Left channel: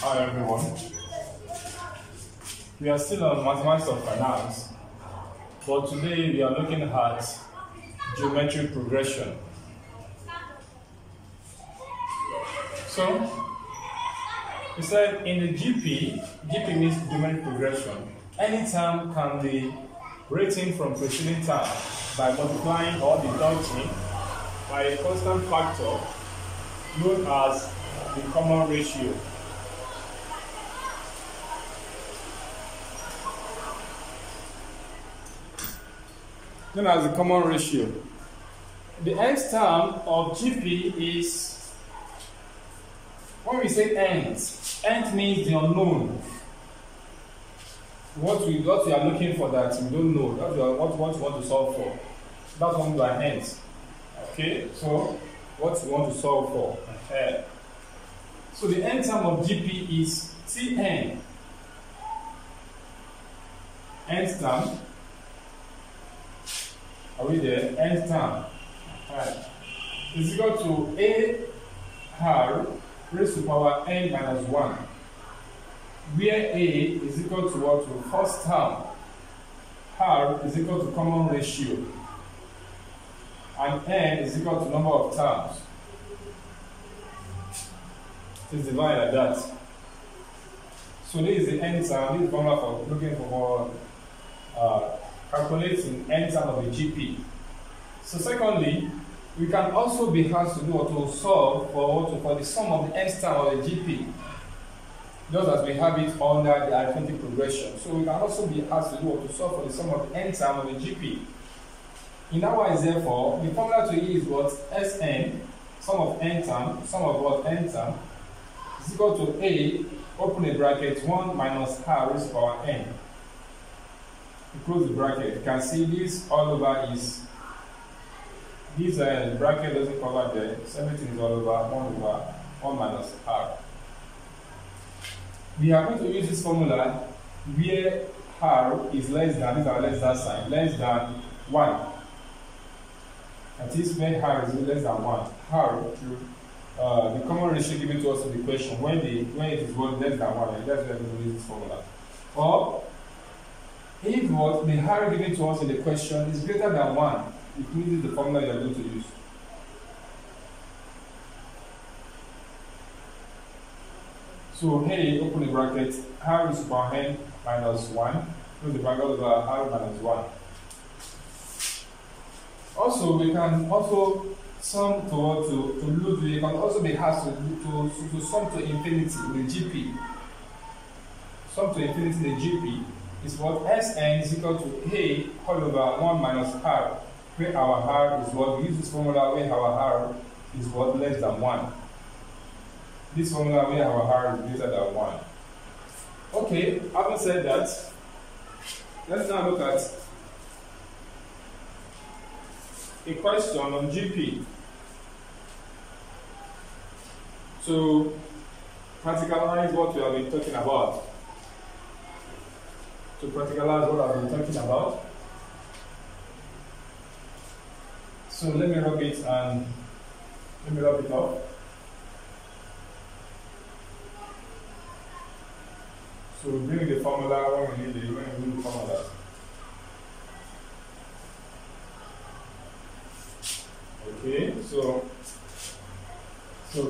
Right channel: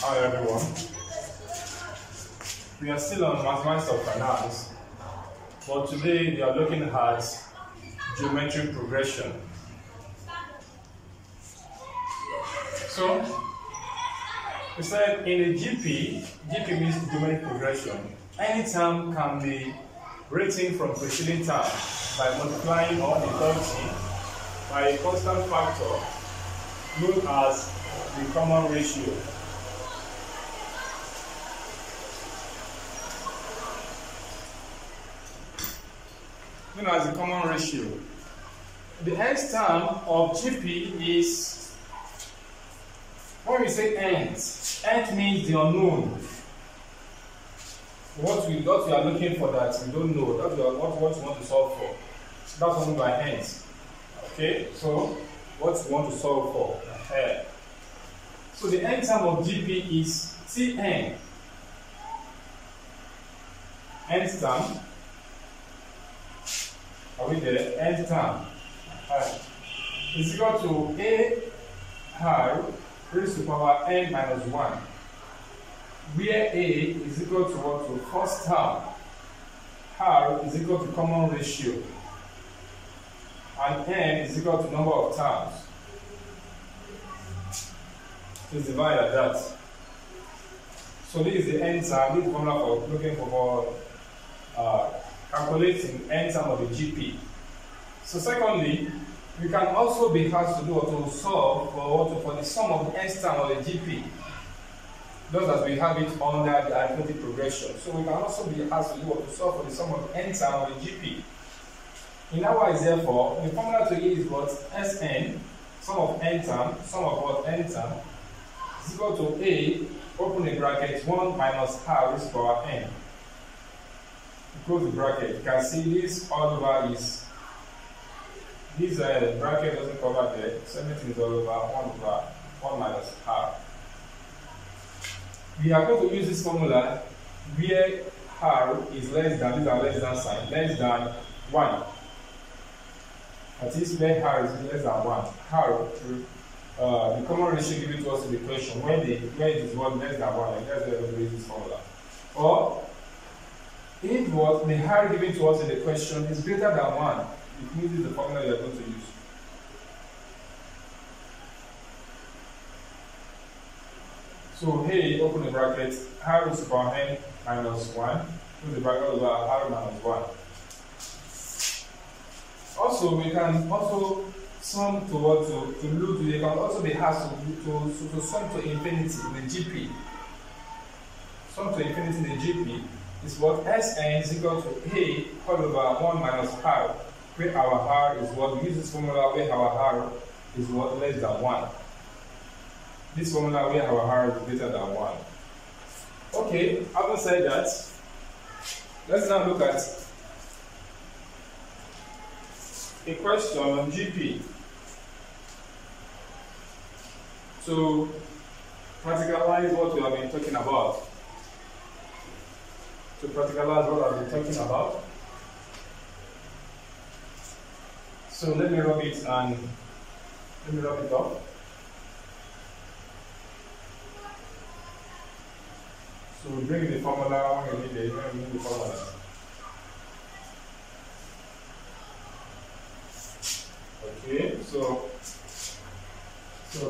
Hi everyone. We are still on mathematics of finance, but today we are looking at geometric progression. So, we said in a GP means geometric progression. Any term can be written from preceding term by multiplying or deducting by a constant factor known as the common ratio. Known as the common ratio. The nth term of GP is, when we say nth means the unknown. What we are looking for that we don't know, what we want to solve for. That's what we mean by nth. Okay, so what we want to solve for. So the nth term of GP is Tn. Nth term. Are we there? Nth term. Is equal to a r raised to power n minus 1, where a is equal to what? To first term, r is equal to common ratio, and n is equal to number of terms. It's divided like that. So this is the nth term. This is the formula for looking for calculating n term of the GP. So secondly, we can also be asked to do or to solve for the sum of the nth term of the GP, just as we have it under the arithmetic progression. So we can also be asked to do or to solve for the sum of the nth term of the GP. In other words, therefore, the formula to E is what? Sn, sum of n term, sum of what? N term, is equal to A, open a bracket, 1 minus r raised to power n. Close the bracket. You can see this all over is, this bracket doesn't cover there, so everything is all over 1 minus r. We are going to use this formula where r is less than, these are less than sign, less than 1. That is where r is less than 1. R, the common ratio given to us in the question, when it is what less than 1, and that's where we use this formula. Or if what the r given to us in the question is greater than 1, it means it's the formula you are going to use. So hey, open the bracket, r raised to power n minus 1, close the bracket over r minus 1. Also, we can also sum to loop. We can also be asked to sum to infinity in the GP. Sum to infinity in the GP is what? Sn is equal to a all over 1 minus r, where our r is what? We use this formula where our r is what? Less than 1. This formula where our r is greater than 1. Okay, having said that, let's now look at a question on GP. To practicalize what we have been talking about. So let me rub it up. So bring the formula when you need it, when you need the formula. Okay, so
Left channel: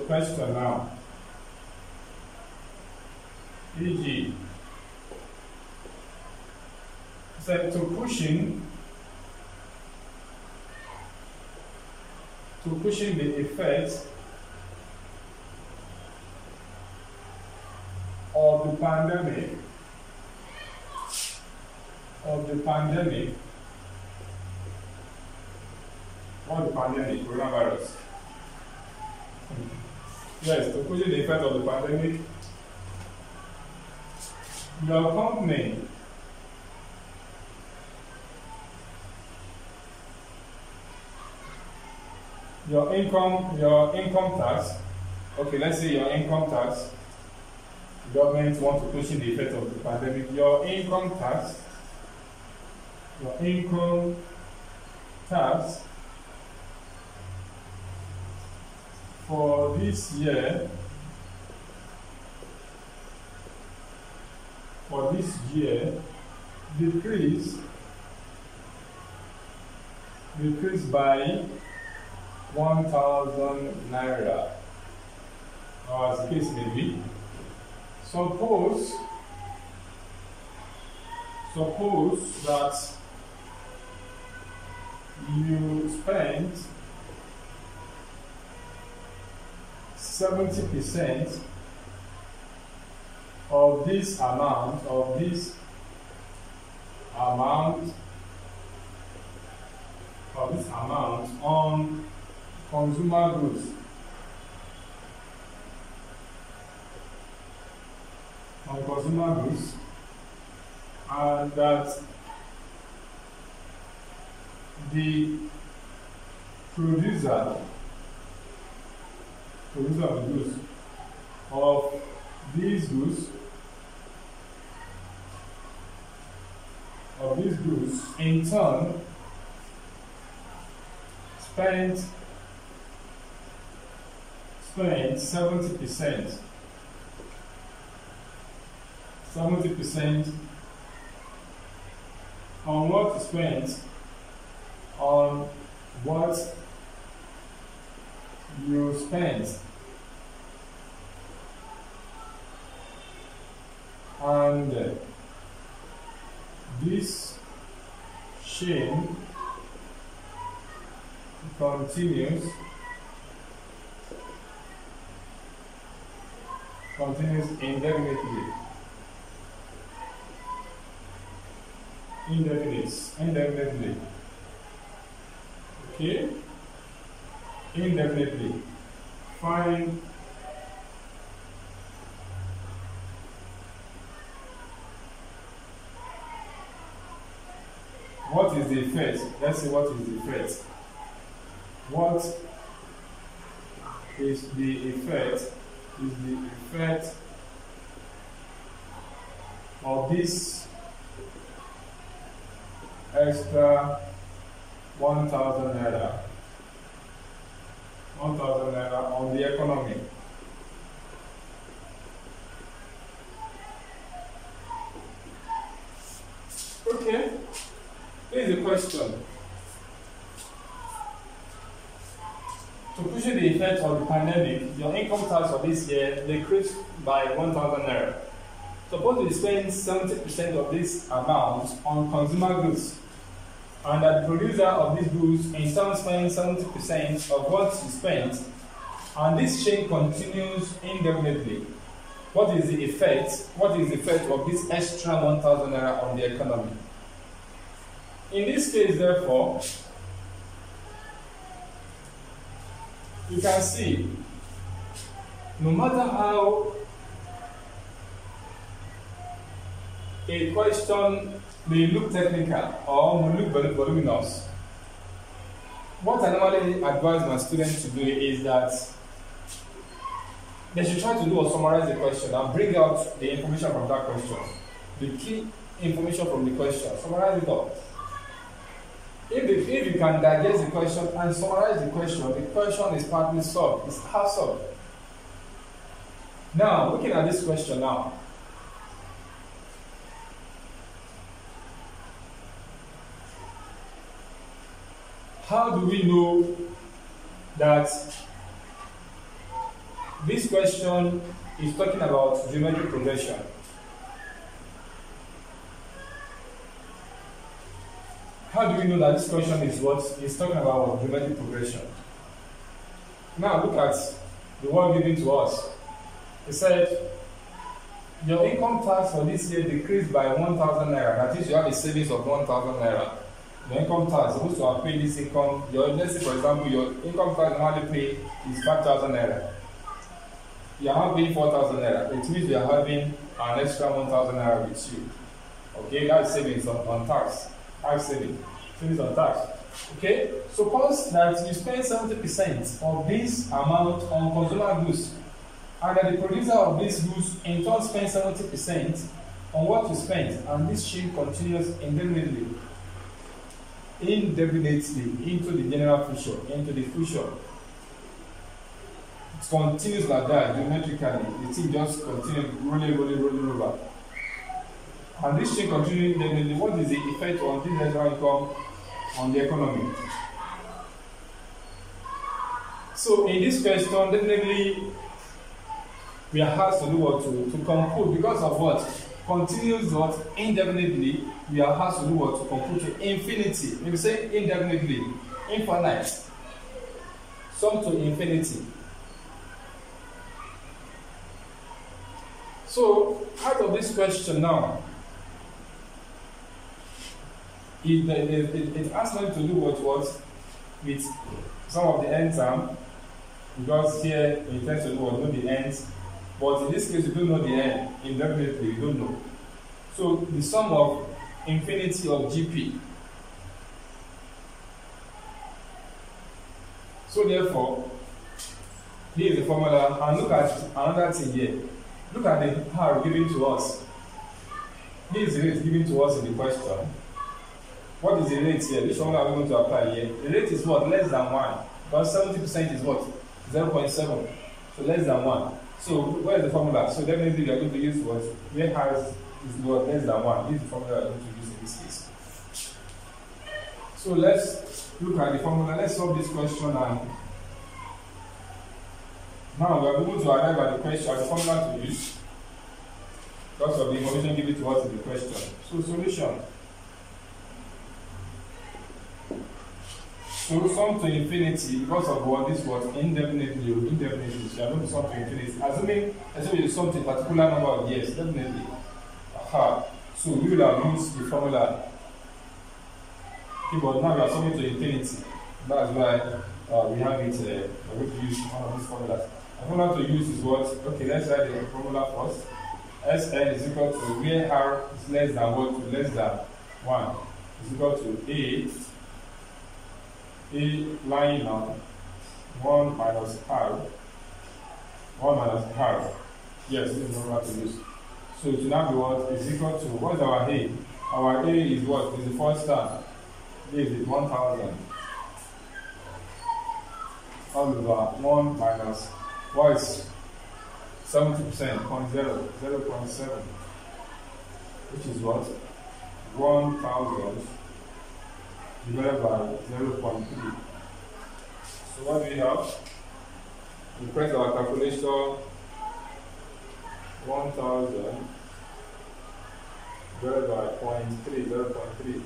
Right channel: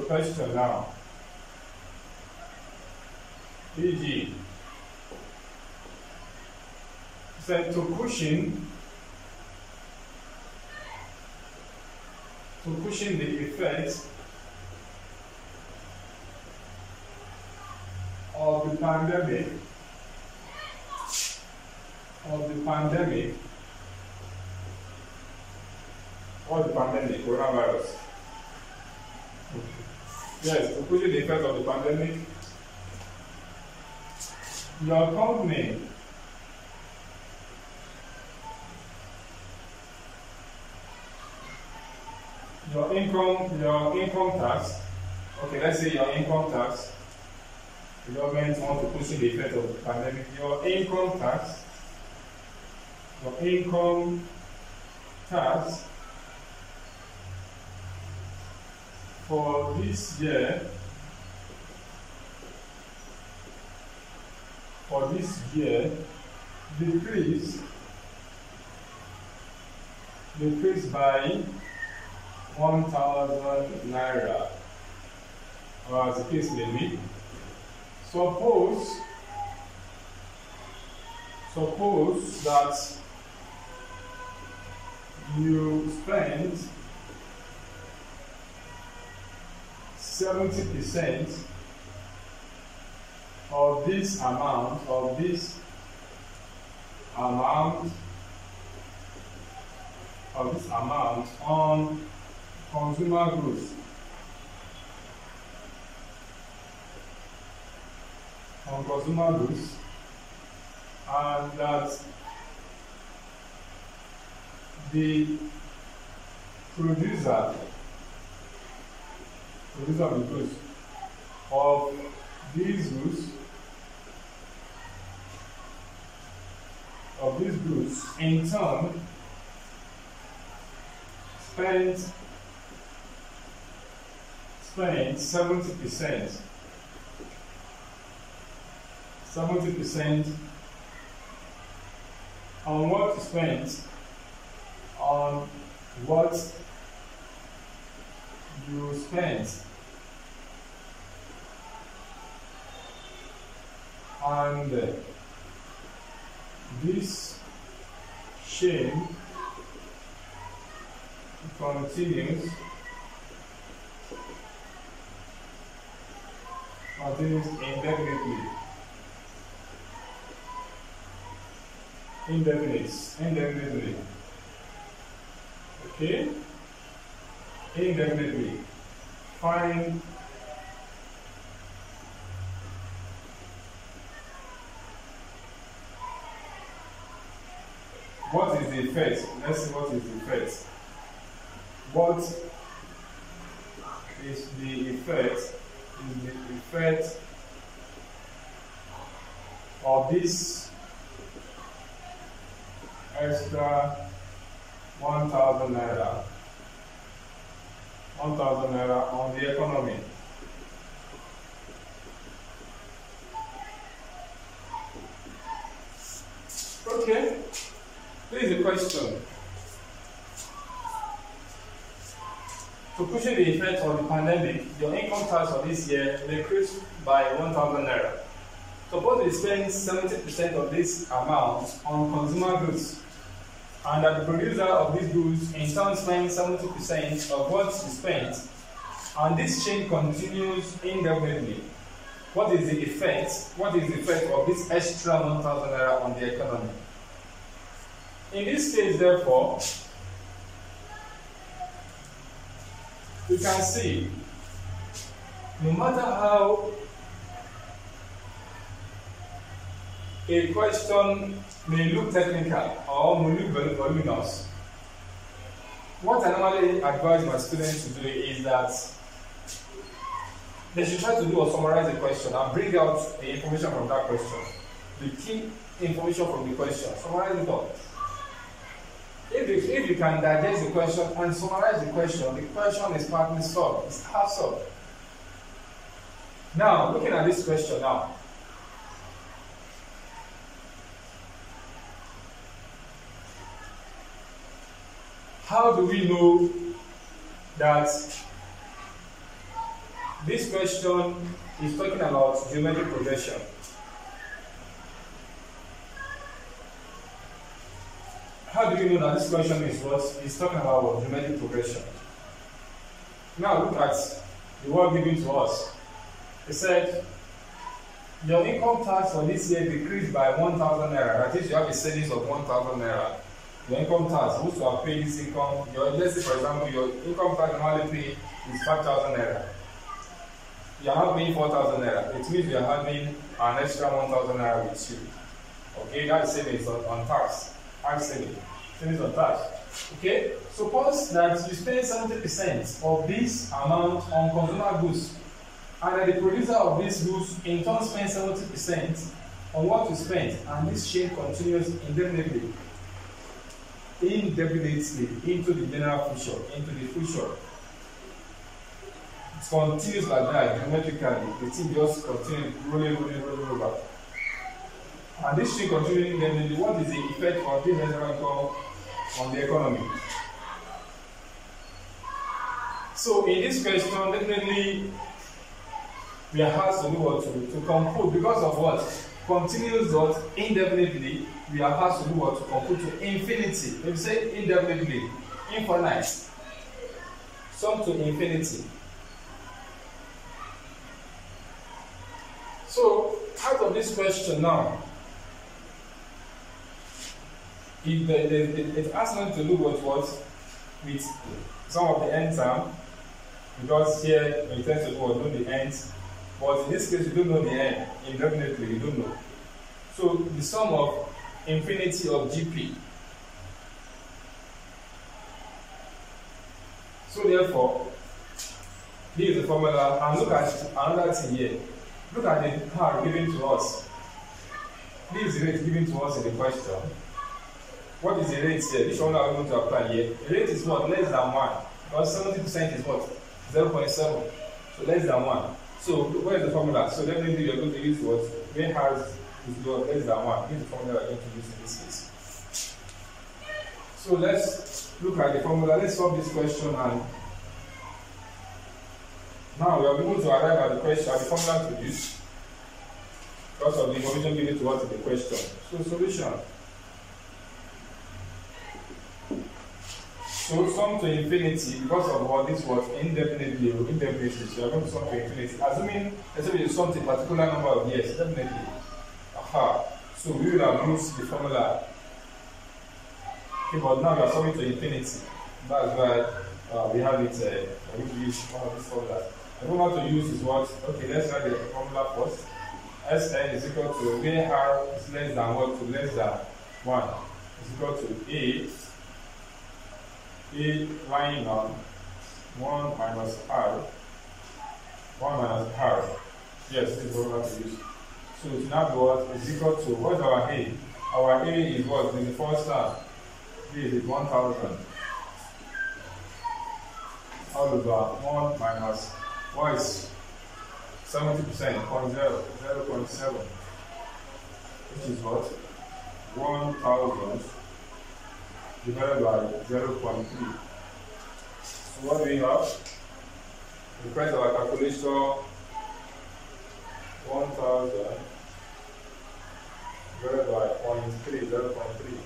question now. E.g. said to pushing the effect of the pandemic coronavirus. Yes, to push the effect of the pandemic, your company your income tax. Okay, let's say your income tax. The government wants to push the effect of the pandemic. Your income tax for this year for this year decrease by 1,000 naira, or as the case may be. Suppose that you spend 70% of this amount on consumer goods. And that the producer of the goods of these goods in turn spent 70% on what you spent on what you spent, and this chain continues indefinitely. Okay? Indefinitely. Find what is the effect. Let's see what is the effect. What is the effect? Is the effect of this extra 1,000 naira on the economy? Okay, here is a question. To cushion the effect of the pandemic, your income tax for this year decreased by 1,000 naira. Suppose you spend 70% of this amount on consumer goods, and that the producer of these goods in turn spends 70% of what you spent, and this chain continues indefinitely. What is the effect? What is the effect of this extra 1,000 naira on the economy? In this case, therefore, you can see, no matter how a question may look technical or may look voluminous, what I normally advise my students to do is that they should try to do or summarize the question and bring out the information from that question, the key information from the question, summarize it all. If you can digest the question and summarize the question is partly solved, it's half solved. Now, looking at this question now, how do we know that this question is talking about geometric progression? How do you know that this question is what is talking about geometric progression? Now look at the word given to us. It said, your income tax for this year decreased by 1,000 naira. That is, you have a savings of 1,000 naira. Your income tax, supposed to have paid this income. Let's say, for example, your income tax normally pay is 5,000 naira. You are now paying 4,000 naira. It means you are having an extra 1,000 naira with you. Okay, that's savings on tax. Savings on tax. Okay, suppose that you spend 70% of this amount on consumer goods, and that the producer of these goods in turn spends 70% on what you spent, and this chain continues indefinitely into the general future, into the future. It continues like that, geometrically. The thing just continues rolling over. And this thing continuing indefinitely, what is the effect of this extra income on the economy? So in this question, definitely we are asked to do what to compute because of what? Continuous dot indefinitely, we are asked to do what? To compute to infinity. When we say indefinitely, infinite, sum to infinity. So out of this question now, it asks me to do what with some of the end term, because here we intend to know the ends, but in this case we don't know the end. Indefinitely we don't know. So the sum of infinity of GP. So therefore, this is the formula, and look at another thing here. Look at the R given to us. This is the rate given to us in the question. What is the rate here? Which formula are we going to apply here? The rate is what? Less than 1. Because 70% is what? 0.7. So less than 1. So where is the formula? So definitely we are going to use what? Where has is what? Less than 1. This is the formula we are going to use in this case. So let's look at the formula. Let's solve this question, and now we are going to arrive at the question, at the formula to use because of the information given to us in the question. So solution. So sum to infinity, because of what this was indefinitely, so you are going to sum to infinity. Assuming you sum to a particular number of years, definitely. Aha. So we will have used the formula. Okay, but now we are summing to infinity. That's why we have it, we're going to use one of these formulas. The formula to use is what? Okay, let's write the formula first. Sn is equal to where r is less than what? To less than 1 is equal to a lying on 1 minus r. 1 minus r. Yes, this is the formula to use. So it will now be what? Is equal to, what is our a? Our a is what? In the first term. This is 1000 all over 1 minus what is 70%, 0.7, which is what? 1000 divided by 0.3. So what do we have? We press our calculator. 1000 divided by 0.3.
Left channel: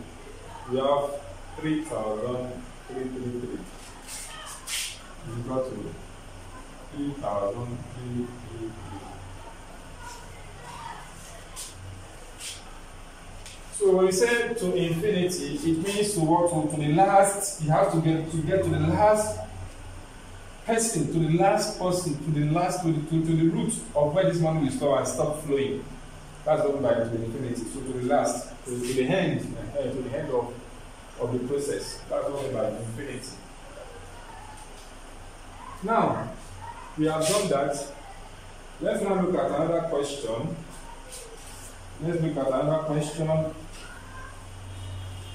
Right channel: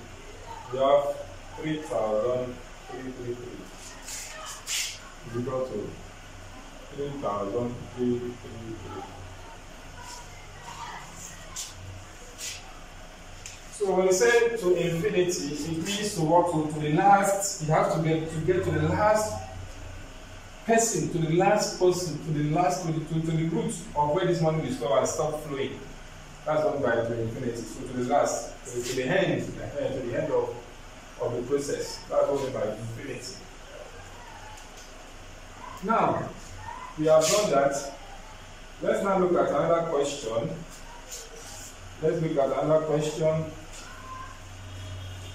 We have 3,333 is equal to 3,333. So when we say to infinity, it means to what? To the last. You have to get to the last person, to the last person, to the root of where this money will store and stop flowing. That's what by to infinity. So to the last, to the end, to the end of the process. That's what we by infinity. Now, we have done that. Let's now look at another question. Let's look at another question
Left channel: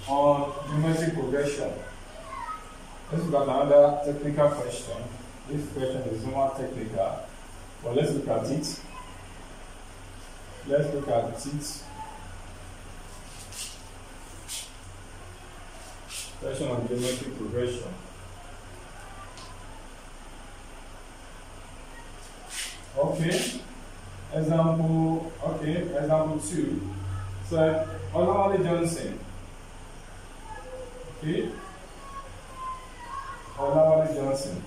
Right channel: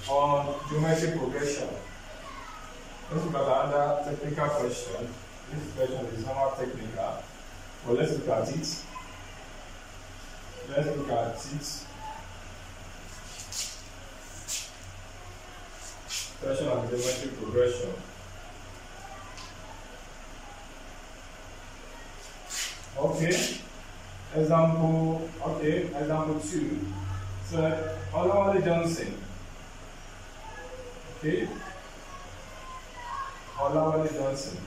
on geometric progression. Let's look at another technical question. This question is normal technical, but let's look at it. Let's look at it. Question on geometric progression. Okay. Example 2. So, Olawale Johnson. Okay. Olawale Johnson.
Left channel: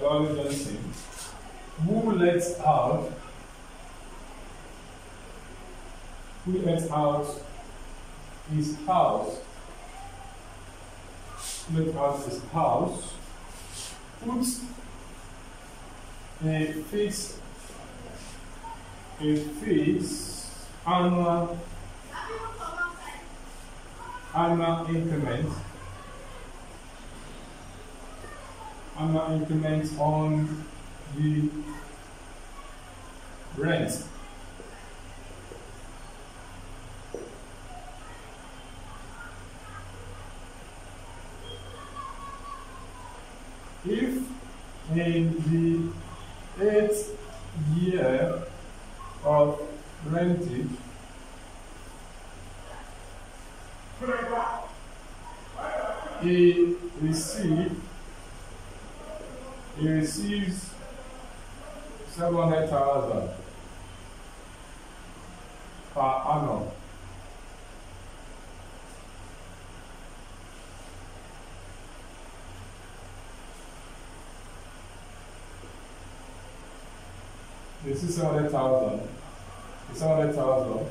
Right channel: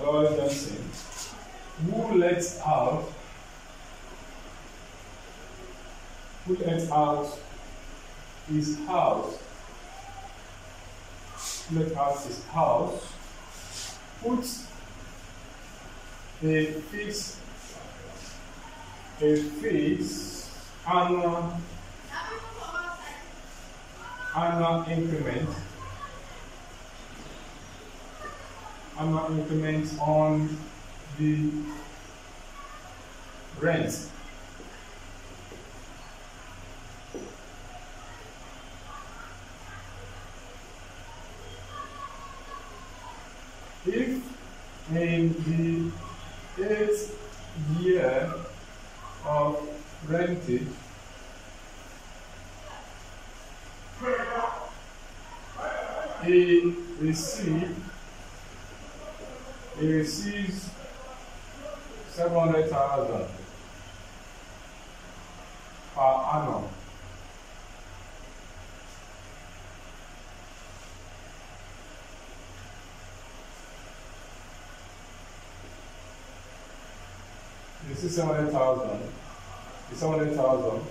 Olawale Johnson, who lets out his house, puts a fixed annual increment on the rent. If in 8th year of rentage, he receives 700,000 per annum. This is 700,000. It's 700,000.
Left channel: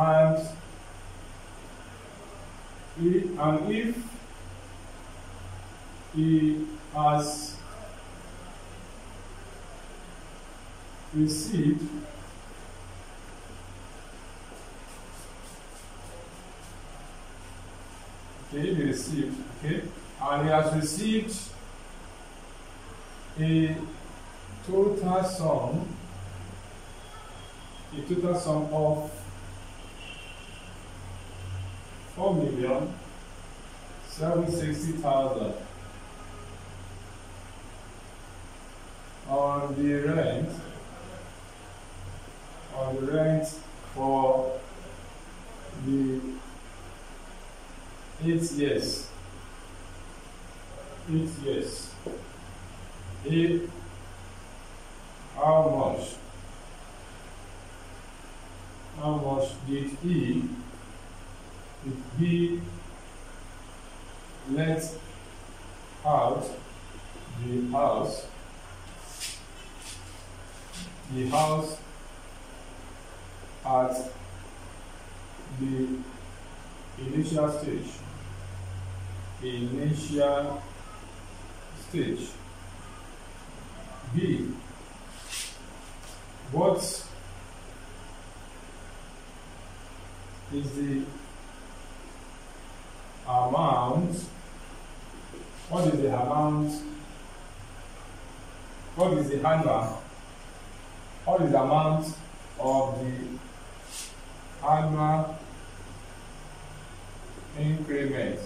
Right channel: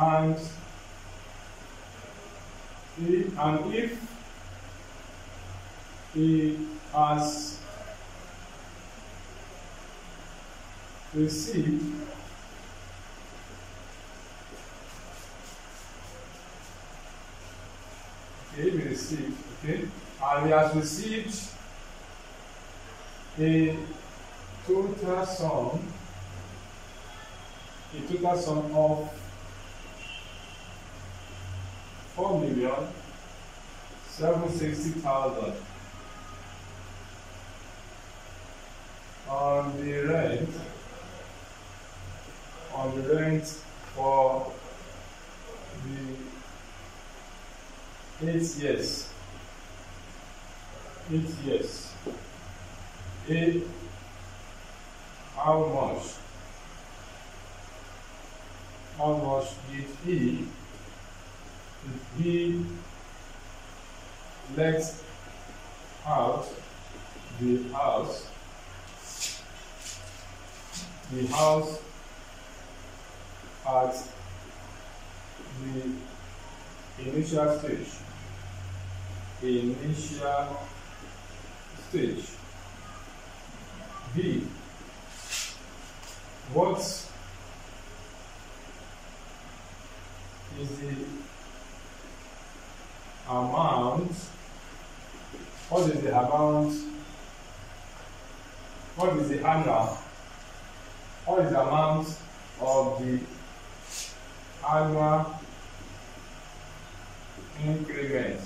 And if he has received and he has received a total sum of 4,760,000 on the rent for the 8 years. How much did he let out the house at the initial stage? B. What is the amount? What is the amount of the annual increment?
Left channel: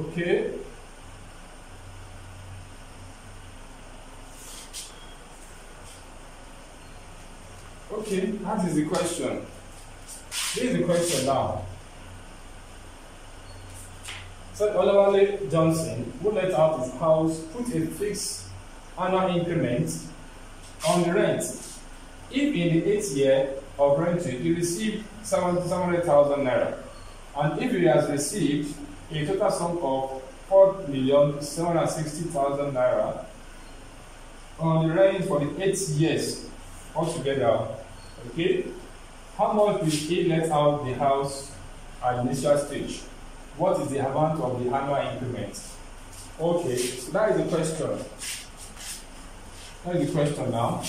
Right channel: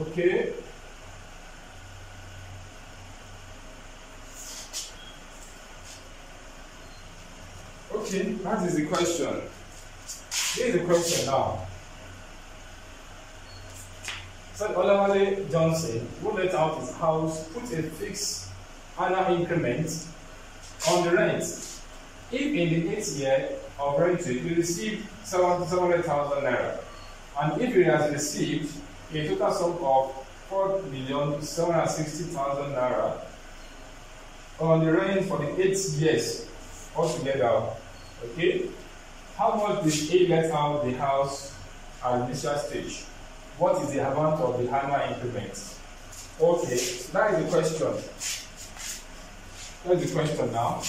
Okay. Okay, that is the question. Here is the question now. So Olawale Johnson, who let out his house, put a fixed annual increment on the rent. If in the 8th year of renting he received 700,000 naira, and if he has received a total sum of 4,760,000 naira on the rent for the 8 years altogether, okay, how much did he let out the house at the initial stage? What is the amount of the annual increment? Okay, so that is the question. That is the question now.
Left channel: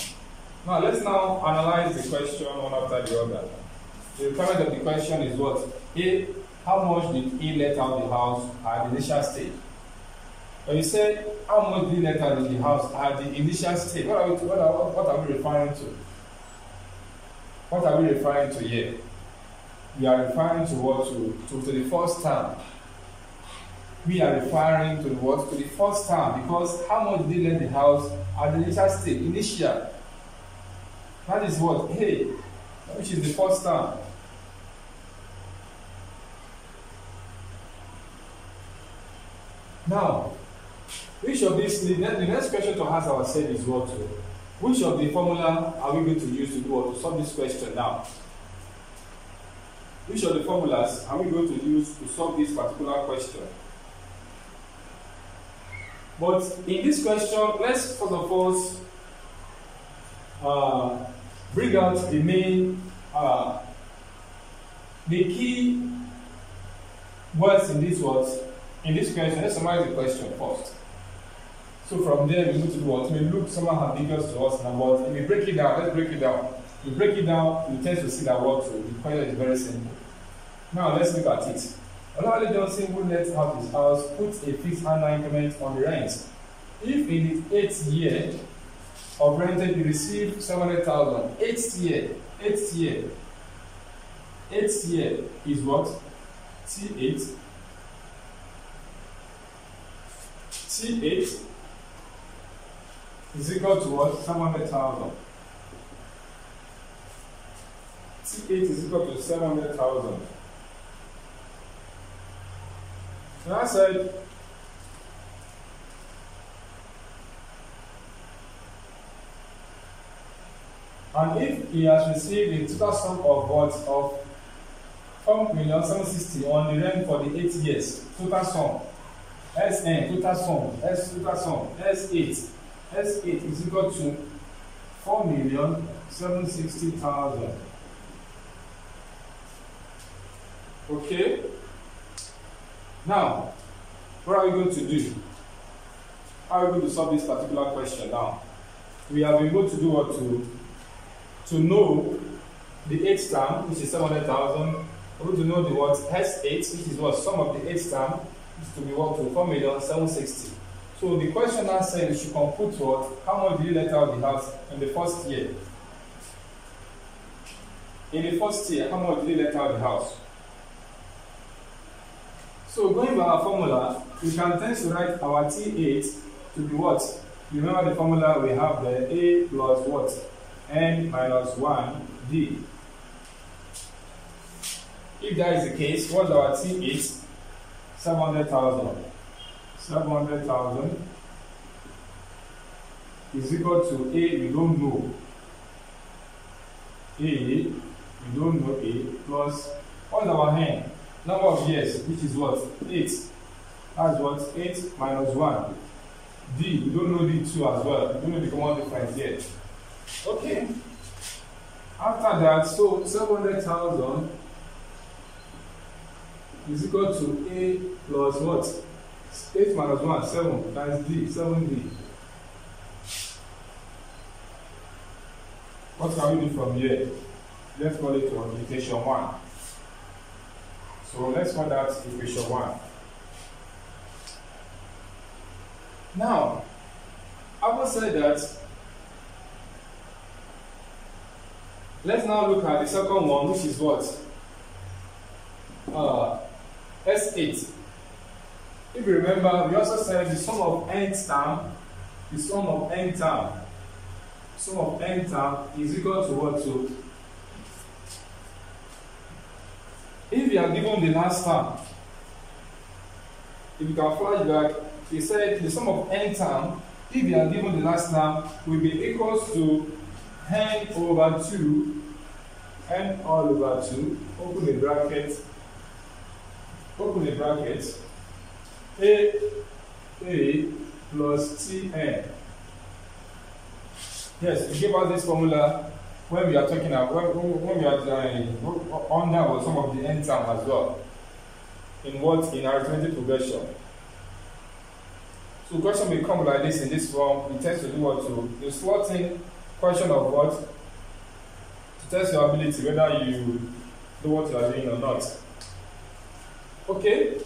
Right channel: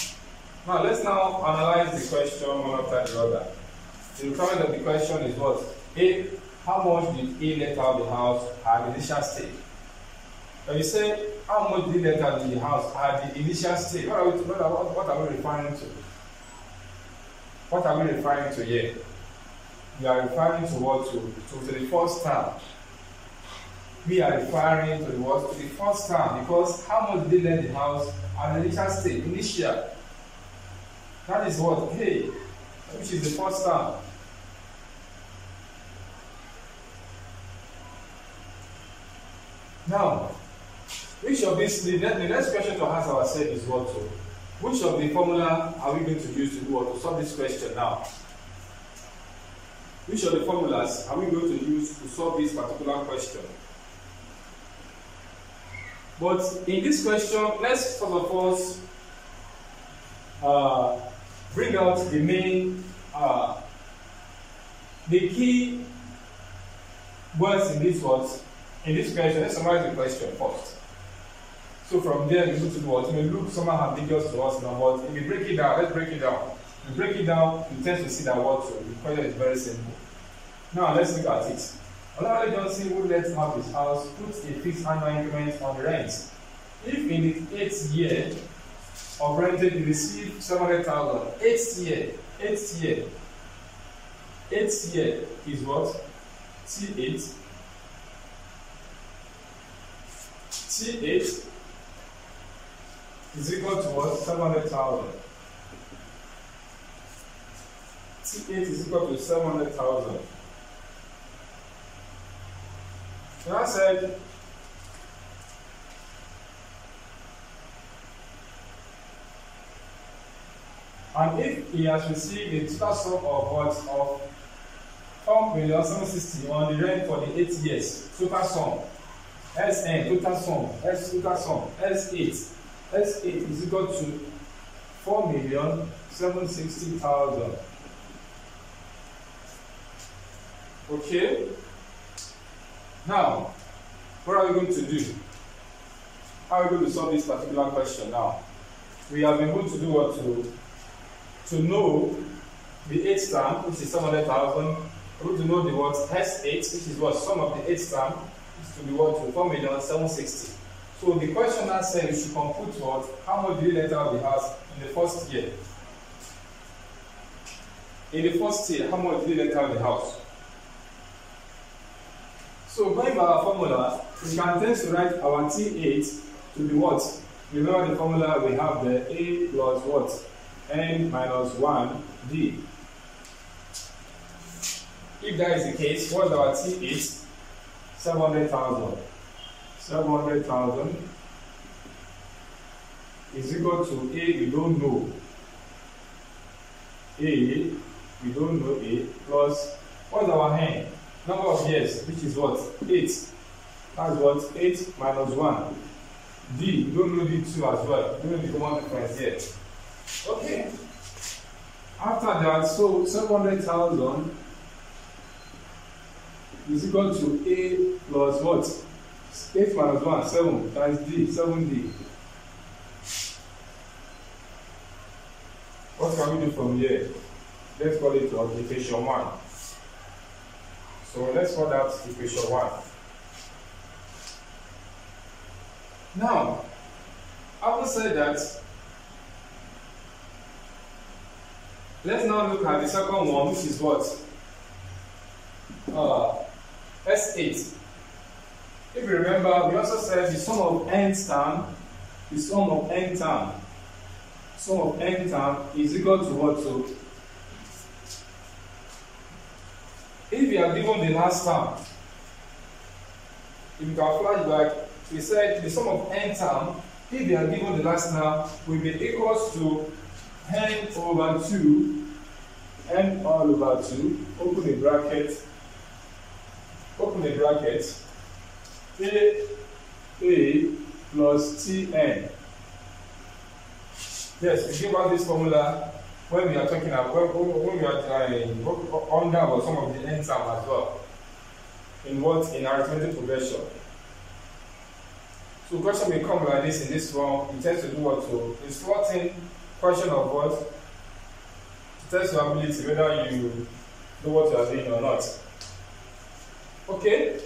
Now let's now analyze the question one after the other. The requirement of the question is what? A. How much did he let out the house at the initial stage? When you say how much did he let out the house at the initial stage, what are we referring to? What are we referring to here? We are referring to what? To the first term. We are referring to what? To the first term, because how much did he let the house at the initial stage? Initial. That is what? Hey, which is the first term. Now, which of these, the next question to ask ourselves is what? Which of the formula are we going to use to do or to solve this question now? Which of the formulas are we going to use to solve this particular question? But in this question, let's first of all bring out the main, the key words in this words. In this question, let's summarize the question first. So from there, we move to what? It may look somehow ambiguous to us now, but if we break it down, let's break it down. If we break it down, we tend to see that what the question is very simple. Now let's look at it. Olawale Johnson, who let out his house, puts a fixed annual increment on the rent. If in the 8th year of renting he received 700,000, 8th year is what? T8 is equal to what? 700,000. T8 is equal to 700,000. So I said, and if he has received a total sum of what? Of 4,760,000 on the rent for the 8 years, total sum, SN, total sum, S8 is equal to 4,760,000. Okay? Now, what are we going to do? How are we going to solve this particular question now? We have been able to do what? To know the 8th term, which is 700,000. We're going to know the what? S8, which is what? Sum of the 8th term is to be what? To 4,760,000. So the question now said you should compute what? How much did you let out the house in the first year? In the first year, how much did you let out the house? So going by our formula, we can tend to write our T8 to be what? Remember the formula we have the A plus what? N minus 1 D. If that is the case, what's our T8? 700,000. 700,000 is equal to A, we don't know. A, we don't know A, plus what's our N? Number of years, which is what? 8. That's what? 8 minus 1. D, we don't know D2 as well. We don't know the common difference yet. Okay. After that, so 700,000 is equal to A plus what? 8 minus 1, 7 times D, 7D. What can we do from here? Let's call it equation 1. So let's call that equation 1. Now, having said that, let's now look at the second one, which is what? S8. If you remember, we also said the sum of nth term, is equal to what? So, if you are given the last term, if you can flash back, we said the sum of n term, if you are given the last term, will be equals to n over 2, n all over 2, open a bracket, A plus Tn. Yes, we give out this formula when we are talking about, when we are under some of the n term as well. In what? In arithmetic progression. So question will come like this in this form. It tends to do what? To the slotting question of what? To test your ability whether you do what you are doing or not. Okay?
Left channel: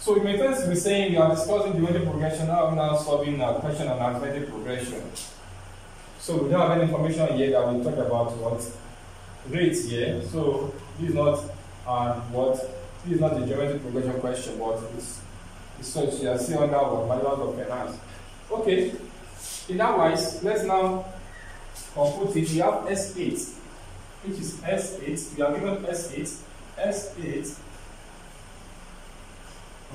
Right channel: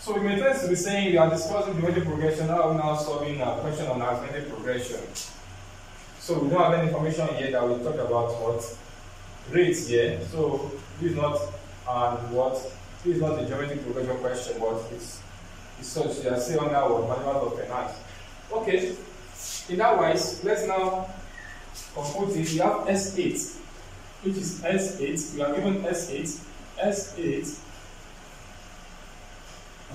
So we may tend to be saying we are discussing geometric progression, now I'm now solving a question on arithmetic progression. So we don't have any information here that we talk about what? Rates here. So this is not this is not the geometric progression question, but it's such you are saying under what? Management of finance. Okay. In that wise, let's now compute it. We have S8, which is S8. We are given S8.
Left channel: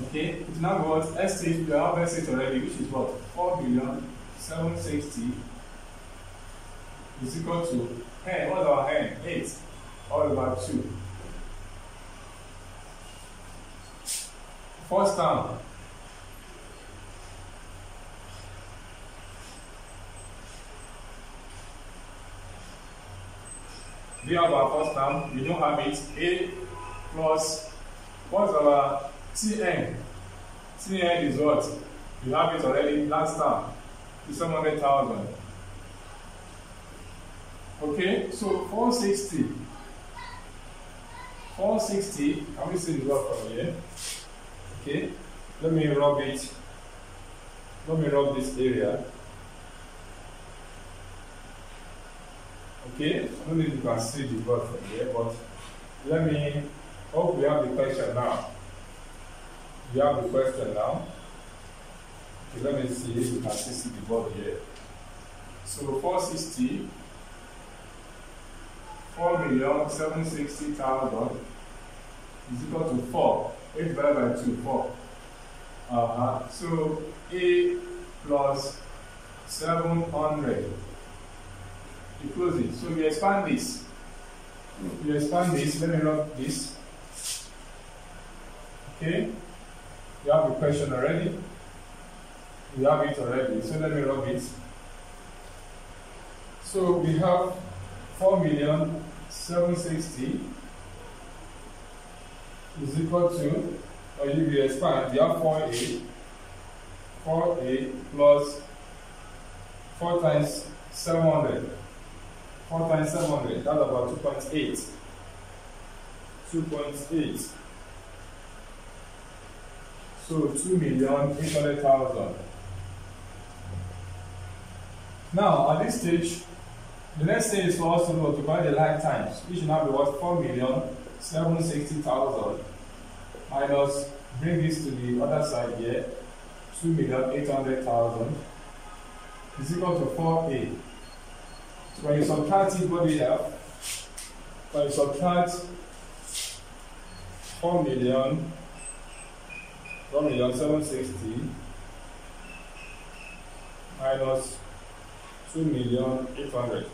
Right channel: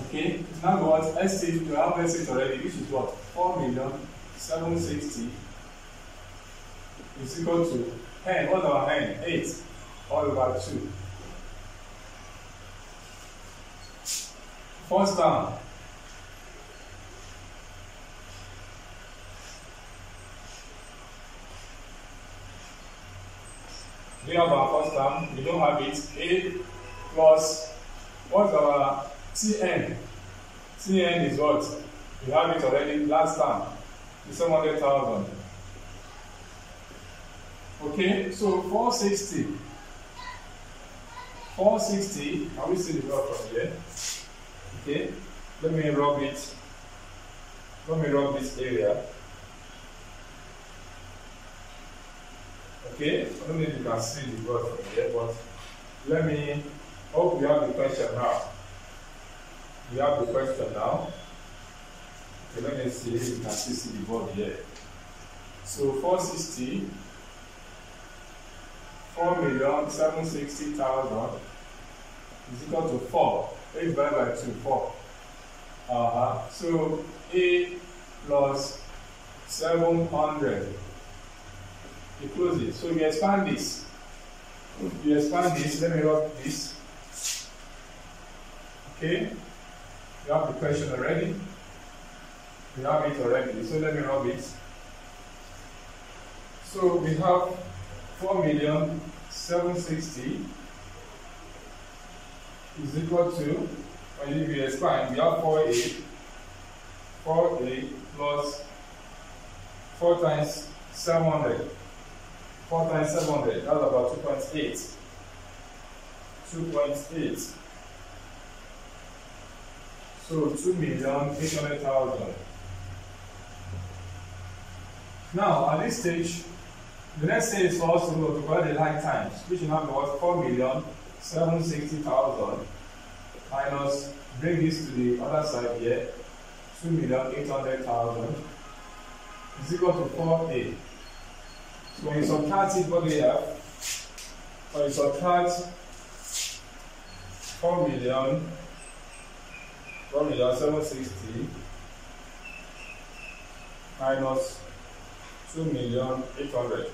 Okay, it's now what? S8, we have S8 already, which is what? 4,760,000 is equal to n. What's our n? 8 all over 2. First term. We have our first term, we don't have it. A plus, what's our Tn? Tn is what? We have it already last time. It's 700,000. Okay, so 460. 460, can we see the work from here? Okay, let me rub it. Let me rub this area. Okay, I don't know if you can see the work from here, but let me Hope we have the question now. We have the question now. Okay, let me see if you can still see the board here. So 460, 4,760,000 is equal to 4. 8 divided by 2, 4. So A plus 700. You close it. So you expand this. You expand this. Let me rub this. Okay. You have the question already. You have it already. So let me rub it. So we have 4,760,000 is equal to, or if you expand, we have 4A plus 4 times 700. 4 times 700, that's about 2.8. 2.8. So 2,800,000. Now, at this stage, the next thing is for us to multiply the like times, which will now be what? 4,760,000 minus, bring this to the other side here, 2,800,000 is equal to 4A. So when you subtract it, what do you have? When you subtract 4,760,000 minus 2,800,000.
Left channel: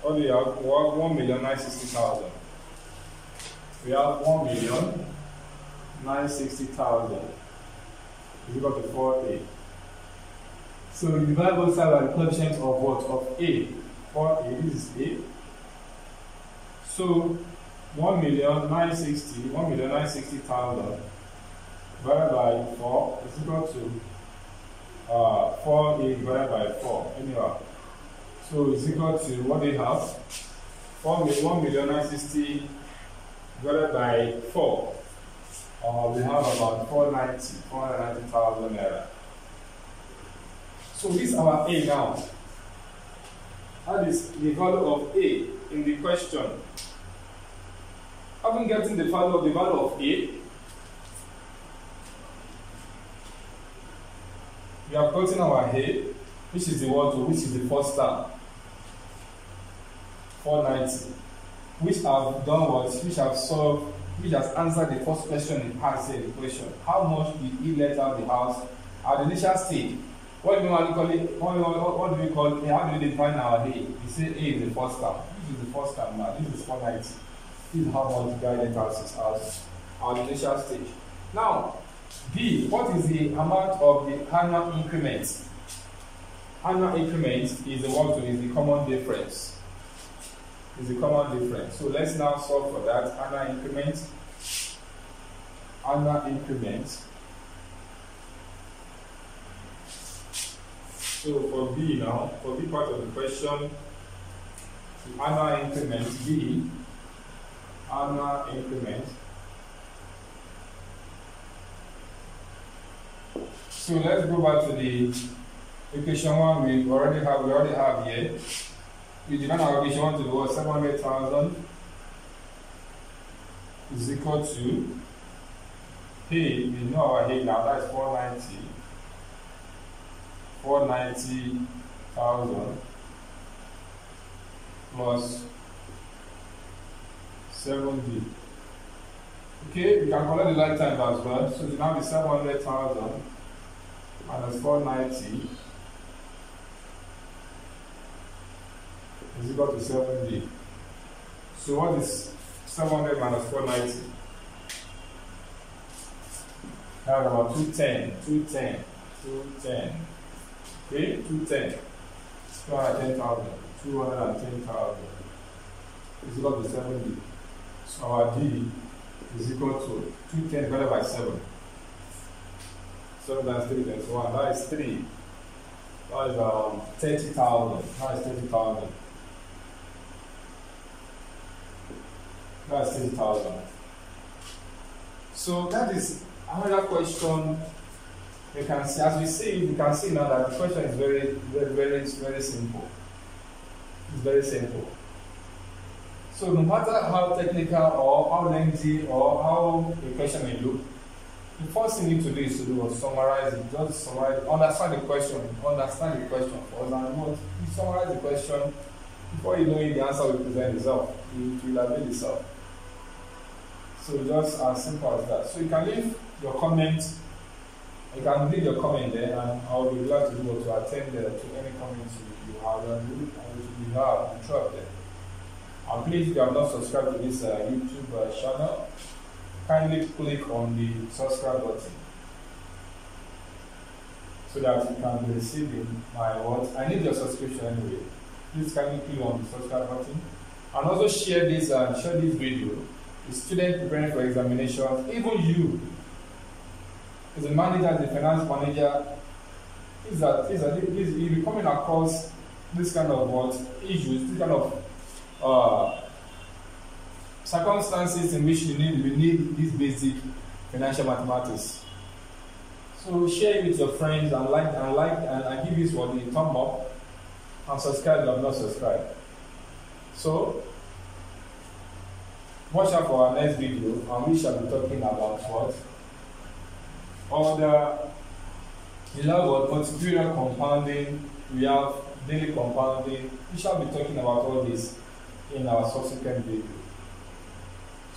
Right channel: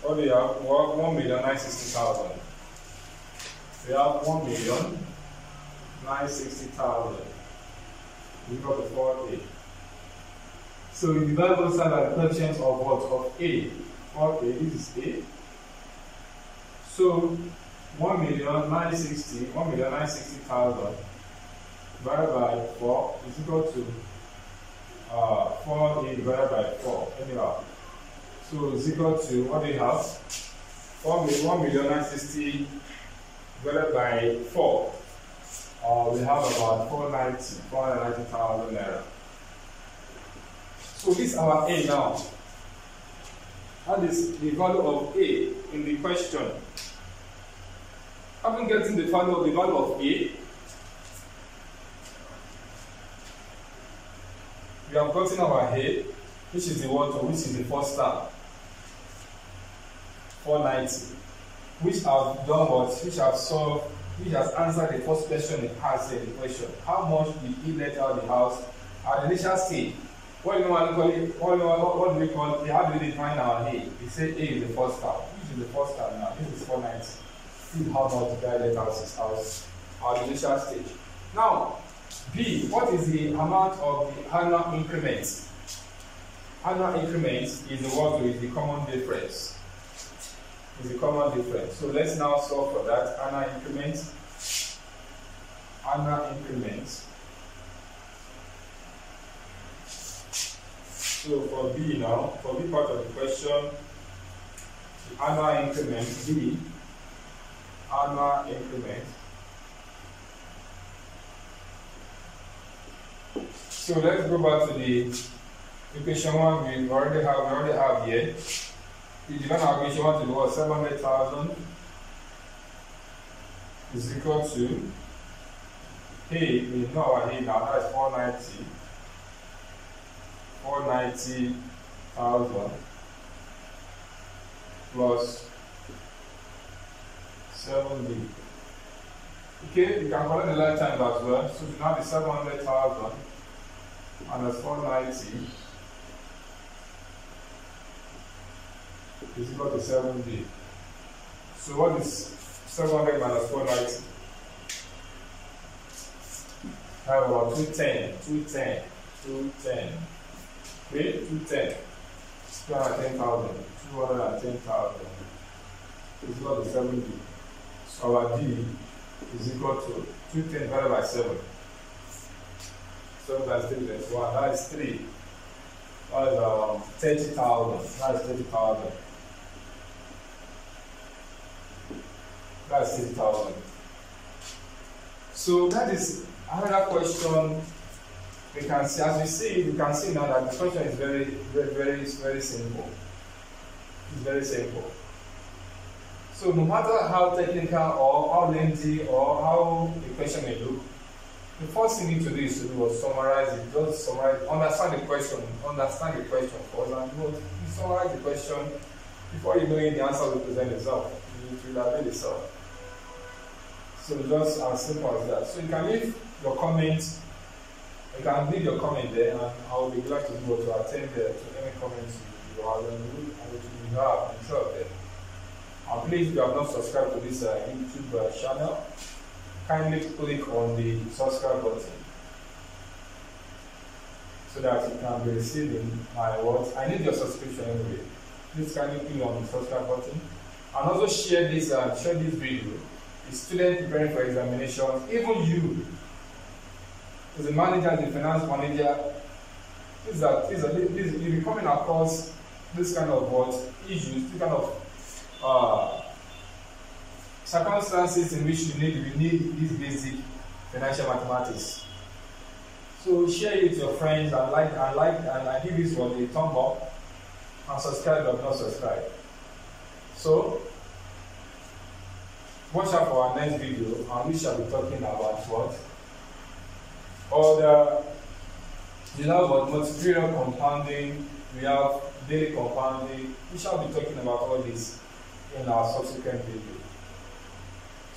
What do you have? We have 1,960,000. We have 1,960,000 is equal to 4A. So we divide both sides by the coefficients of what? Of A. 4A, this is A. So 1,960,000 divided by 4 is equal to 4A divided by 4. Anyhow. So it's equal to, what do you have? 1,960,000 divided by 4. We have about 490,000 naira. So this is our A now. That is the value of A in the question. Having gotten the value of A, we have gotten our A, which is the one, which is the first term, 490, which have done what? Which have solved, which has answered the first question in part A, the question. How much did he let out the house at the initial stage? What do we call it? What do we call it? How do we define our A? We say A is the first term. This is the first term now. This is 490. This is how much the guy let out his house at the initial stage. Now, B, what is the amount of the annual increment? Annual increment is the what is the common difference. Is the common difference. So let's now solve for that. Annual increment. Annual increment. So for B now, for B part of the question, the annual increment, B, annual increment. So let's go back to the equation one we already have here. We divide our equation one to the what? 700,000 is equal to A. We know our A now, that is 490,000 plus 7D. Okay, we can collect the like time as well. So it now be 700,000 minus 490 is equal to 7D. So what is 700 minus 490? That's about 210. Okay, 210. 210,000 is equal to 7D. So our D is equal to 210 divided by 7. 7 times 3 is 1. That is 3. That is 30,000. That is 30,000. That is 30,000. So that is another question. We can see, as we see, you can see now that the question is very simple. It's very simple. So no matter how technical or how lengthy or how the question may look, the first thing you need to do is to summarize it. Just summarize, understand the question first, and you summarize the question. Before you know it, the answer will present itself. It will avail itself. So just as simple as that. So you can leave your comment. You can leave your comment there, and I will be glad to be able to attend to any comments you have interrupted. And please, if you have not subscribed to this YouTube channel, kindly click on the subscribe button so that you can be receiving my words. I need your subscription anyway. Please kindly click on the subscribe button, and also share this video. The student preparing for examination, even you, as a manager, as a finance manager, you'll be coming across this kind of issues, this kind of circumstances in which you need this basic financial mathematics. So share it with your friends and give this one a thumb up, and subscribe if you have not subscribed. So watch out for our next video, and we shall be talking about the multivariate compounding. We have daily compounding. We shall be talking about all this in our subsequent video.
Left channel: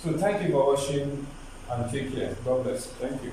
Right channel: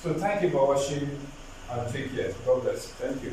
So thank you for watching, and take care. God bless. Thank you.